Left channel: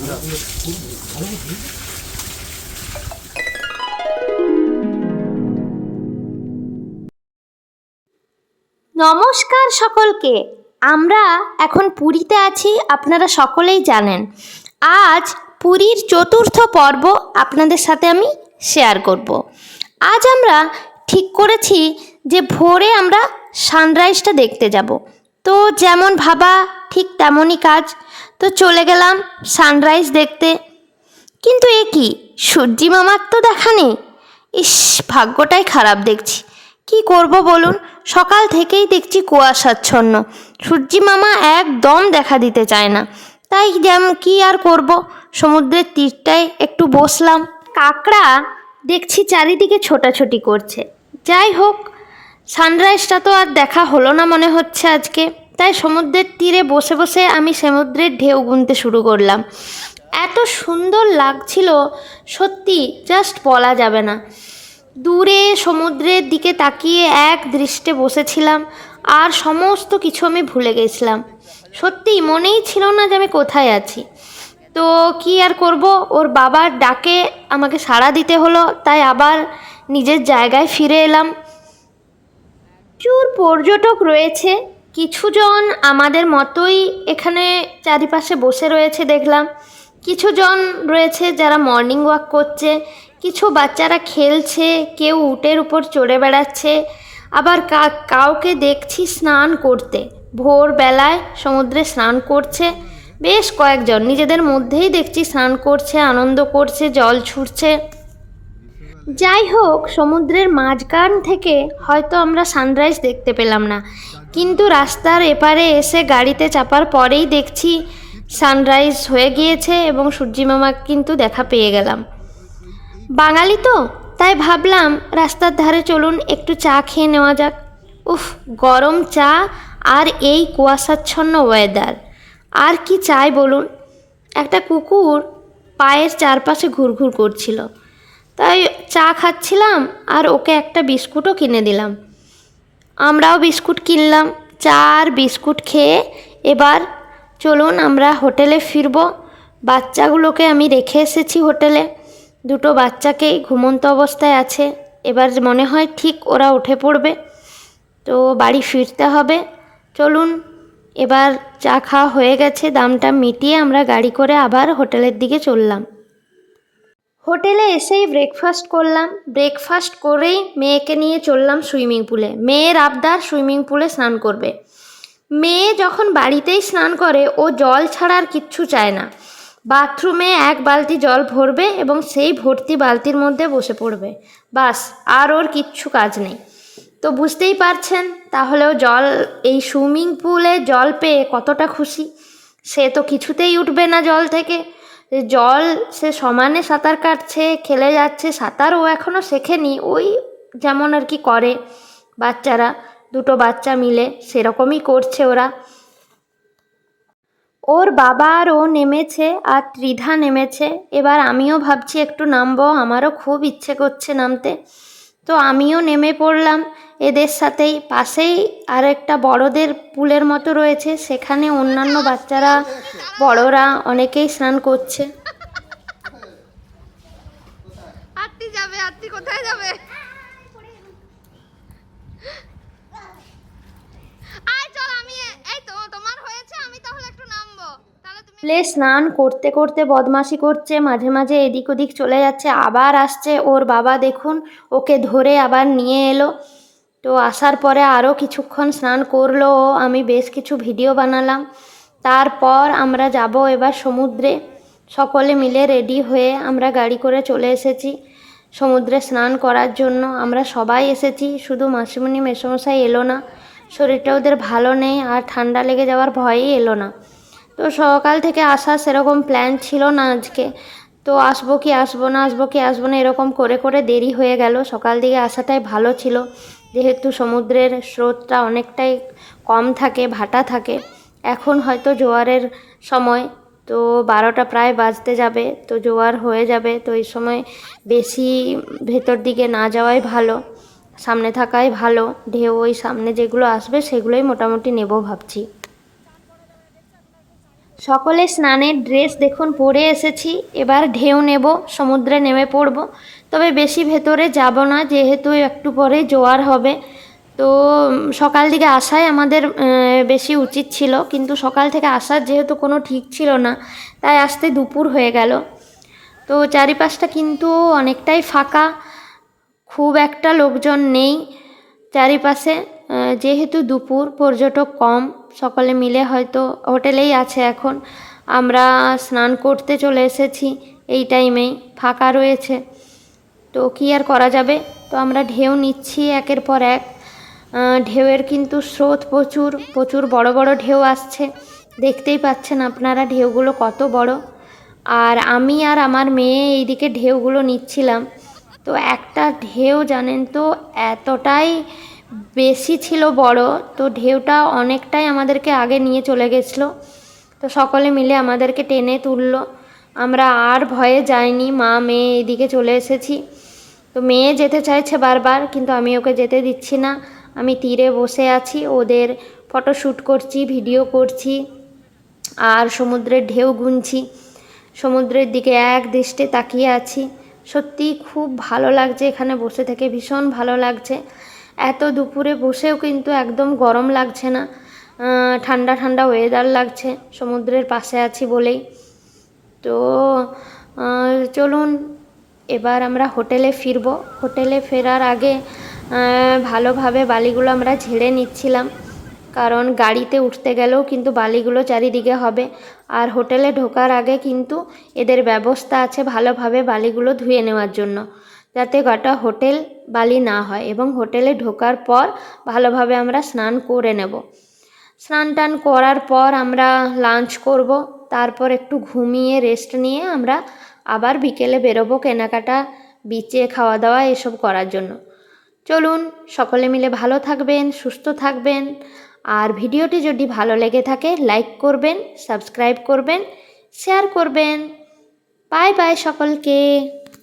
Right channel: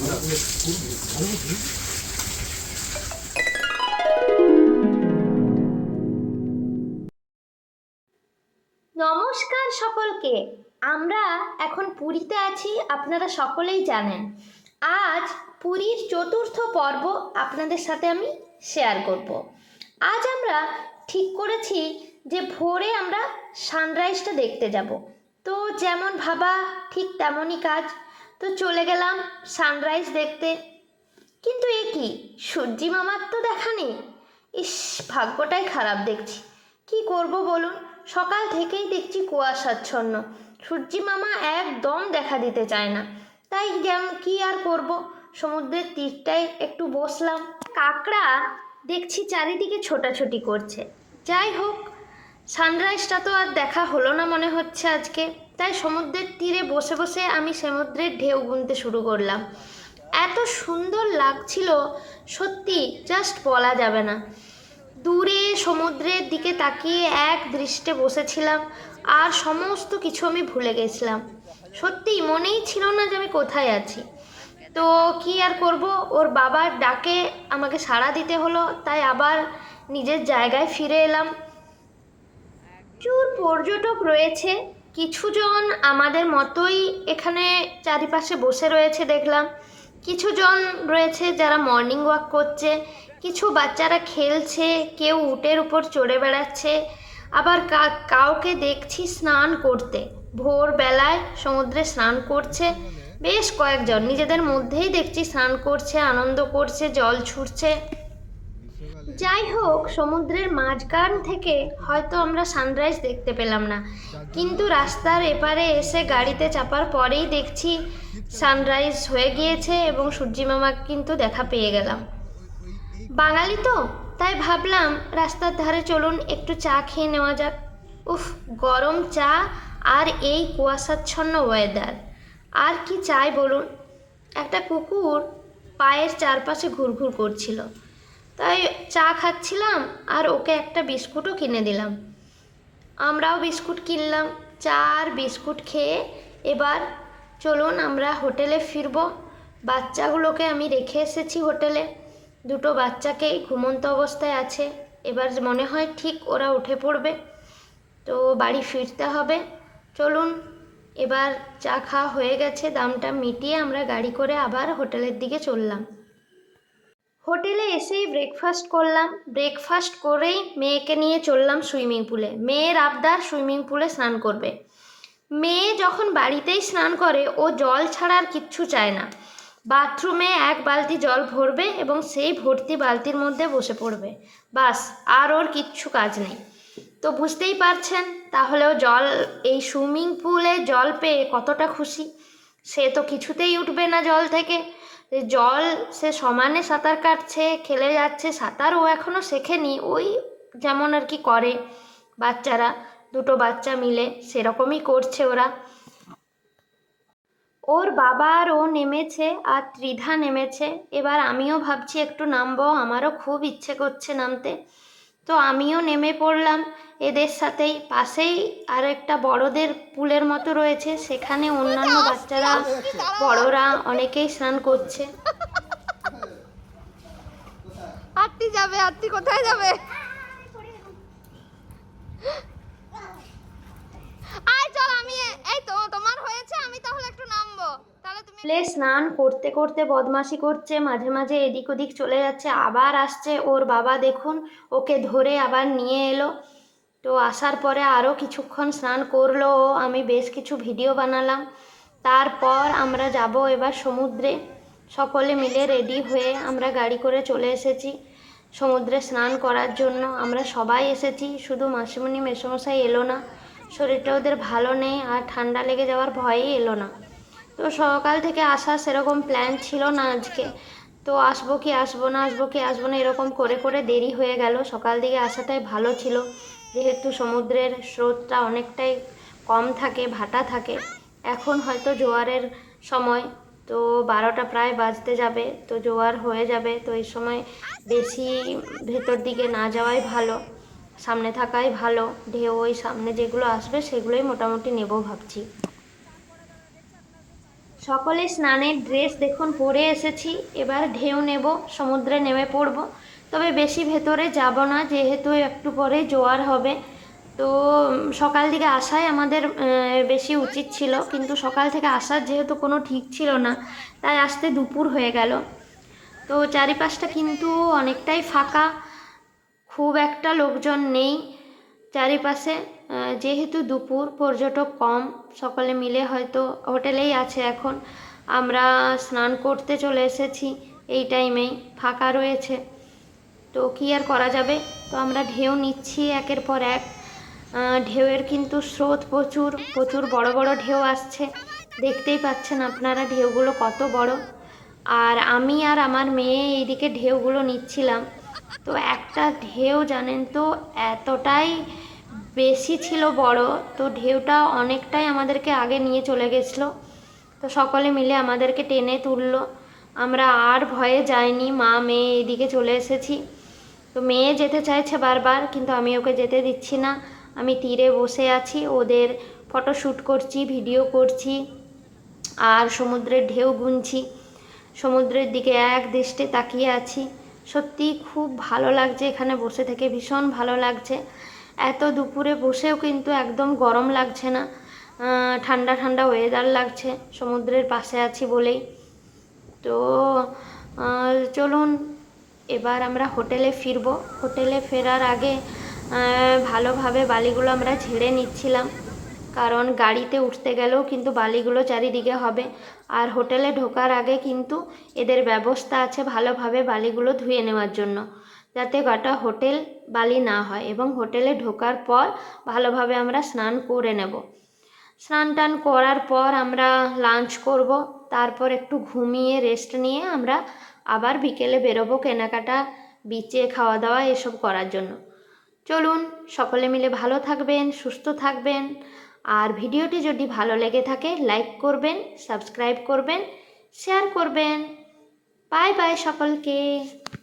নমস্কার সকলকে। আমরা এখন পুরীতে আছি, আপনারা সকলেই জানেন। আজ পুরীর চতুর্থ পর্ব আপনাদের সাথে আমি শেয়ার করব। আজ আমরা ঠিক করেছি যে ভোরে আমরা সানরাইজটা দেখতে যাব। তো যেমন ভাবা ঠিক তেমনই কাজ। তো চলে গেলাম সানরাইজ দেখতে। কিন্তু এ কি, সূর্যি মামার তো দেখা নেই। ইস, ভাগ্যটাই খারাপ দেখছি। কি করব বলুন, সকাল থেকেই দেখছি কুয়াশাচ্ছন্ন, সূর্যি মামা একদম দেখা দিতে চায় না। তাই যেমন কি আর করব, সমুদ্রের তীরটায় একটু বসলাম। কাকড়া দেখছি চারিদিকে ছোটাছুটি করছে। যাই হোক, সানরাইজটা তো আর দেখা হলো না মনে হচ্ছে আজকে। তাই সমুদ্রের তীরে বসে বসে আমি সমুদ্রের ঢেউ গুনতে শুরু করলাম। এত সুন্দর লাগছিল, সত্যি জাস্ট বলা যাবে না। দূরে সমুদ্রের দিকে তাকিয়ে এক দৃষ্টে বসেছিলাম, আর সমস্ত কিছু আমি ভুলে গেছিলাম। সত্যি মনেই ছিল না যে আমি কোথায় আছি। তো কি আর করব, ওর বাবার ডাকে আমাকে সাড়া দিতে হলো, তাই আবার নিজের জায়গায় ফিরে এলাম। প্রচুর পর্যটক রয়েছে, কিছুজন আমাদের মতোই এখানে চারিপাশে বসে রয়েছে দেখলাম। কিছুজন রয়েছে যারা মর্নিং ওয়াক করছে, কিছু বাচ্চারা খেলছে, কেউ উটের উপর চড়ে বেড়াচ্ছে, আবার কাউকে দেখছি স্নান করতে। ভোরবেলায় সমুদ্রে স্নান করছে বেশ কয়েকজন, নিজেদের মধ্যেই দেখছি স্নান করছে, আনন্দ করছে, জল ছুটছে। যাই হোক, সমুদ্রের মাঝখান থেকে হয়তো আমরা সানরাইজ দেখতে পেলাম না, কিন্তু রাস্তার এপারে এসে গাড়িতে চাপার পরেই দেখছি সানরাইজ হয়ে গিয়েছে এবং সূর্যি মামা কিন্তু দেখা পেয়ে গেলাম। বাঙালি তো, তাই ভাবলাম রাস্তার ধারে চলুন একটু চা খেয়ে নেওয়া যাক। উফ, গরম চা আর এই কুয়াশাচ্ছন্ন ওয়েদার, আর কি চাই বলুন। একটা কুকুর পায়ের চারপাশে ঘুরঘুর করছিল, তাই চা খাচ্ছিলাম আর ওকে একটা বিস্কুটও কিনে দিলাম। আমরাও বিস্কুট কিনলাম। চা আর বিস্কুট খেয়ে এবার চলুন আমরা হোটেলে ফিরব। বাচ্চাগুলোকে আমি রেখে এসেছি হোটেলে, দুটো বাচ্চাকেই ঘুমন্ত অবস্থায় আছে। এবার মনে হয় ঠিক ওরা উঠে পড়বে, তো বাড়ি ফিরতে হবে। চলুন, এবার চা খাওয়া হয়ে গেছে, দামটা মিটিয়ে আমরা গাড়ি করে আবার হোটেলের দিকে চললাম। হোটেলে এসেই ব্রেকফাস্ট করলাম। ব্রেকফাস্ট করেই মেয়েকে নিয়ে চললাম সুইমিং পুলে। মেয়ের আবদার সুইমিং পুলে স্নান করবে। মেয়ে যখন বাড়িতেই স্নান করে, ও জল ছাড়া আর কিচ্ছু চায় না। বাথরুমে এক বালতি জল ভরবে এবং সেই ভর্তি বালতির মধ্যে বসে পড়বে, বাস, আর ওর কিচ্ছু কাজ নেই। তো বুঝতেই পারছেন তাহলেও এই সুইমিং পুলে জল পেয়ে কতটা খুশি। সে তো কিছুতেই উঠবে না জল থেকে। জল সে সমানে সাঁতার কাটছে, খেলে যাচ্ছে। সাঁতার ও এখনও শেখেনি, ওই যেমন আর কি করে বাচ্চারা, দুটো বাচ্চা মিলে সেরকমই করছে ওরা। ওর বাবা আর ও নেমেছে, আর ত্রিধা নেমেছে। এবার আমিও ভাবছি একটু নামবো, আমারও খুব ইচ্ছে করছে নামতে। তো আমিও নেমে পড়লাম এদের সাথেই। পাশেই আর একটা বড়দের পুলের মতো রয়েছে, সেখানে অন্যান্য বাচ্চারা, বড়রা অনেকেই স্নান করছে। আরতি যাবে, আরতি কোথায় যাবে? আয় চল, আমি এই তো তোমার হয়েছে, আমি তাহলে একটু নামবো, তাহলে তুমি। প্লে স্নান করতে করতে বদমাশি করছে, মাঝে মাঝে এদিক ওদিক চলে যাচ্ছে, আবার আসছে। ওর বাবা দেখুন ওকে ধরে আবার নিয়ে এলো। তো আসার পরে আরও কিছুক্ষণ স্নান করলো ও, আমি বেশ কিছু ভিডিও বানালাম। তারপর আমরা যাব এবার সমুদ্রে। সকলে মিলে রেডি হয়ে আমরা গাড়ি করে চলে এসেছি সমুদ্রে স্নান করার জন্য। আমরা সবাই এসেছি, শুধু মাসিমণি মেসোমশাই এলো না, শরীরটা ওদের ভালো নেই আর ঠান্ডা লেগে যাওয়ার ভয়েই এলো না। তো সকাল থেকে আসা সেরকম প্ল্যান ছিল না আজকে। তো আসবো কি আসবো না, আসবো কি আসবো না, এরকম করে করে দেরি হয়ে গেল। সকাল দিকে আসাটাই ভালো ছিল, যেহেতু সমুদ্রের স্রোতটা অনেকটাই কম থাকে, ভাটা থাকে। এখন হয়তো জোয়ারের সময়, তো 12টা প্রায় বাজতে যাবে, তো জোয়ার হয়ে যাবে। তো এই সময় বেশি ভেতর দিকে না যাওয়াই ভালো, সামনে থাকাই ভালো। ঢেউ ওই সামনে যেগুলো আসবে সেগুলোই মোটামুটি নেব ভাবছি। সকলে স্নানের ড্রেস দেখুন পরে এসেছি, এবার ঢেউ নেব, সমুদ্রে নেমে পড়ব। তবে বেশি ভেতরে যাব না, যেহেতু একটু পরে জোয়ার হবে। তো সকাল দিকে আসাই আমাদের বেশি উচিত ছিল, কিন্তু সকাল থেকে আসার যেহেতু কোনো ঠিক ছিল না, তাই আসতে দুপুর হয়ে গেল। তো চারিপাশটা কিন্তু অনেকটাই ফাঁকা, খুব একটা লোকজন নেই চারিপাশে। যেহেতু দুপুর, পর্যটক কম, সকলে মিলে হয়তো হোটেলেই আছে এখন। আমরা স্নান করতে চলে এসেছি, এই টাইমেই ফাঁকা রয়েছে। তো কী আর করা যাবে, তো আমরা ঢেউ নিচ্ছি একের পর এক। ঢেউয়ের কিন্তু স্রোত প্রচুর প্রচুর বড় বড় ঢেউ আসছে, দেখতেই পাচ্ছেন আপনারা ঢেউগুলো কত বড়। আর আমি আর আমার মেয়ে এইদিকে ঢেউগুলো নিচ্ছিলাম। তো একটা ঢেউ জানেন তো এতটাই বেশি ছিল বড়, তো ঢেউটা অনেকটাই আমাদেরকে আগে নিয়ে চলে গেছিলো। তো সকলে মিলে আমাদেরকে টেনে তুললো, আমরা আর ভয়ে যাইনি, মা মেয়ে এইদিকে চলে এসেছি। তো মেয়ে যেতে চাইছে বারবার, কিন্তু আমি ওকে যেতে দিচ্ছি না। আমি তীরে বসে আছি, ওদের ফটোশ্যুট করছি, ভিডিও করছি, আর সমুদ্রের ঢেউ গুনছি, সমুদ্রের দিকে এক দৃষ্টে তাকিয়ে আছি। সত্যি খুব ভালো লাগছে এখানে বসে থেকে, ভীষণ ভালো লাগছে। এত দুপুরে বসেও কিন্তু একদম গরম লাগছে না, ঠান্ডা ঠান্ডা ওয়েদার লাগছে, সমুদ্রের পাশে আছি বলেই। তো চলুন এবার আমরা হোটেলে ফিরব। হোটেলে ফেরার আগে ভালোভাবে বালিগুলো আমরা ঝেড়ে নিচ্ছিলাম, কারণ গাড়িতে উঠতে গেলেও কিন্তু বালিগুলো চারিদিকে হবে। আর হোটেলে ঢোকার আগে কিন্তু এদের ব্যবস্থা আছে ভালোভাবে বালিগুলো ধুয়ে নেওয়ার জন্য, যাতে গোটা হোটেল বালি না হয়। এবং হোটেলে ঢোকার পর ভালোভাবে আমরা স্নান করে নেব। স্নান টান করার পর আমরা লাঞ্চ করব, তারপর একটু ঘুমিয়ে রেস্ট নিয়ে আমরা আবার বিকেলে বেরোবো কেনাকাটা, বিচে খাওয়া দাওয়া এসব করার জন্য। চলুন সকলে মিলে ভালো থাকবেন, সুস্থ থাকবেন। আর ভিডিওটি যদি ভালো লেগে থাকে লাইক করবেন, সাবস্ক্রাইব করবেন, শেয়ার করবেন। বাই বাই সকলকে।